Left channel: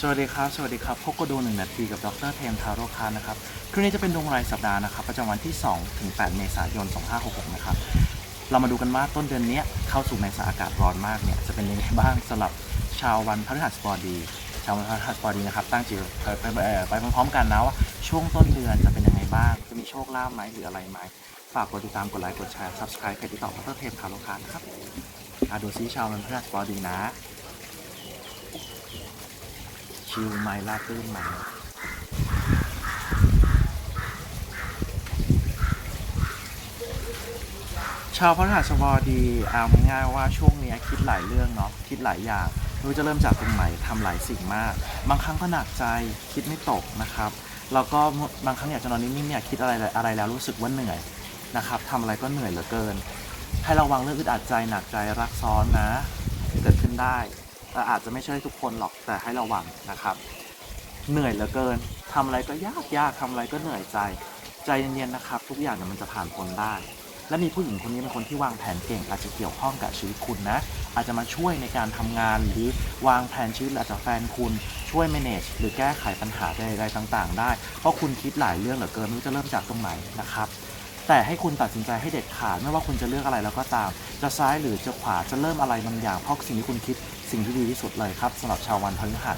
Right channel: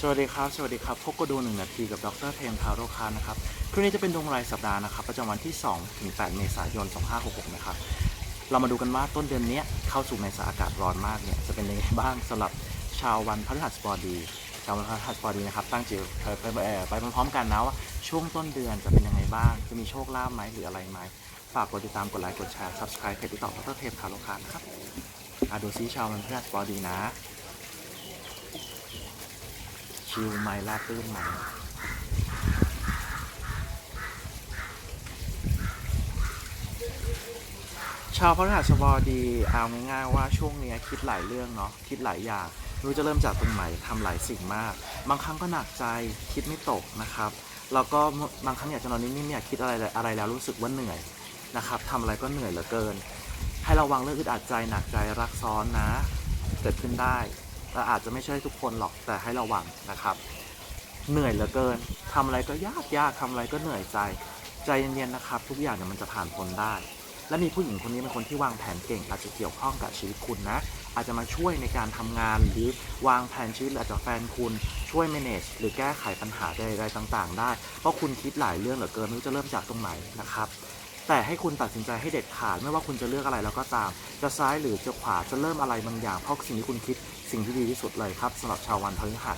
สวัสดีครับ สวัสดีครับ พบกับดูหนึ่งนาทีกับดรเทมทาโรคานะครับคลิปนี้จะเป็นดวงรายสัปดาห์นะครับ ประจำวันที่ 2 ถึง 8 เมษายน 2566 นะครับ เรามาดูกันว่าต้นเดือนนี้เข้าสู่ในสถาอากาศร้อนมากเนี่ย จะเป็นยังไงบ้างสำหรับชาววันพฤหัสบดี ชาววันพฤหัสบดีนะครับ ตั้งจิตไปไปไปเอ่อไปพร้อมๆกันนะว่าช่วงต้นเดือนจะเป็นยังไงบ้าง จะมีโชคลาภไหมหรืออะไรไหม ฝากกดติดตาม กดไลค์ กดแชร์ subscribe เพจที่ต่อดรเทมทาโรคานะครับอดูซิชาววันพฤหัสบดีนะ ชิลไหมลาตื้นไหมชาวพฤหัสบดีเอาง่ายๆว่าช่วงนี้คิดหลายเรื่องเนาะคิดหลายอย่างรู้จะเริ่มจากตรงไหนทำหลายสิ่งมาก บางครั้งก็หนักใจคิดไม่ตกนะครับแล้วก็บางครั้งอยากจะนอนนิ่งๆเนี่ยคิดอะไรอะไรแล้วรู้สึกว่าเหนื่อยนะครับทำอะไรก็เหนื่อยเหลือเกิน ให้ระวังเรื่องอึดอัดใจหนักใจรักซ้อนนะ เกิดขึ้นได้ แต่อาจจะไม่ใช่ทุกคนหรอกแต่ให้ระวังนะครับ เหนื่อยเหลือเกินทำอะไรก็ยากยากทำอะไรก็เหนื่อยใจ ใจเย็นๆนะครับ ทุกอย่างเนี่ยมันจะผ่านพ้นได้ และมีผู้หญิงคนนี้เป็นคนที่วางแผนเก่ง อาจจะเกี่ยวข้องกับชีวิตคุณนะ อาจจะมาช่วยในการทำงานหรือวางแผนชีวิตหรืออาจจะแฟนคุณช่วย manage หรือแก้ไขปัญหาใดๆต่าง ๆ ได้ เพราะคุณคิดหลายเรื่องเหลือเกินไม่รู้จะเริ่มจากตรงไหนนะครับ แต่ให้คุณตัดสินใจให้เด็ดขาดไม่ว่าคุณจะเลือกอะไรแล้วก็ตาม จะซ้ายหรือจะขวาจะเริ่มอะไรบางอย่างเพราะสิ่งที่คุณคิดสิ่งที่ดีที่สุดเลยครับสำหรับชาววันพฤหัส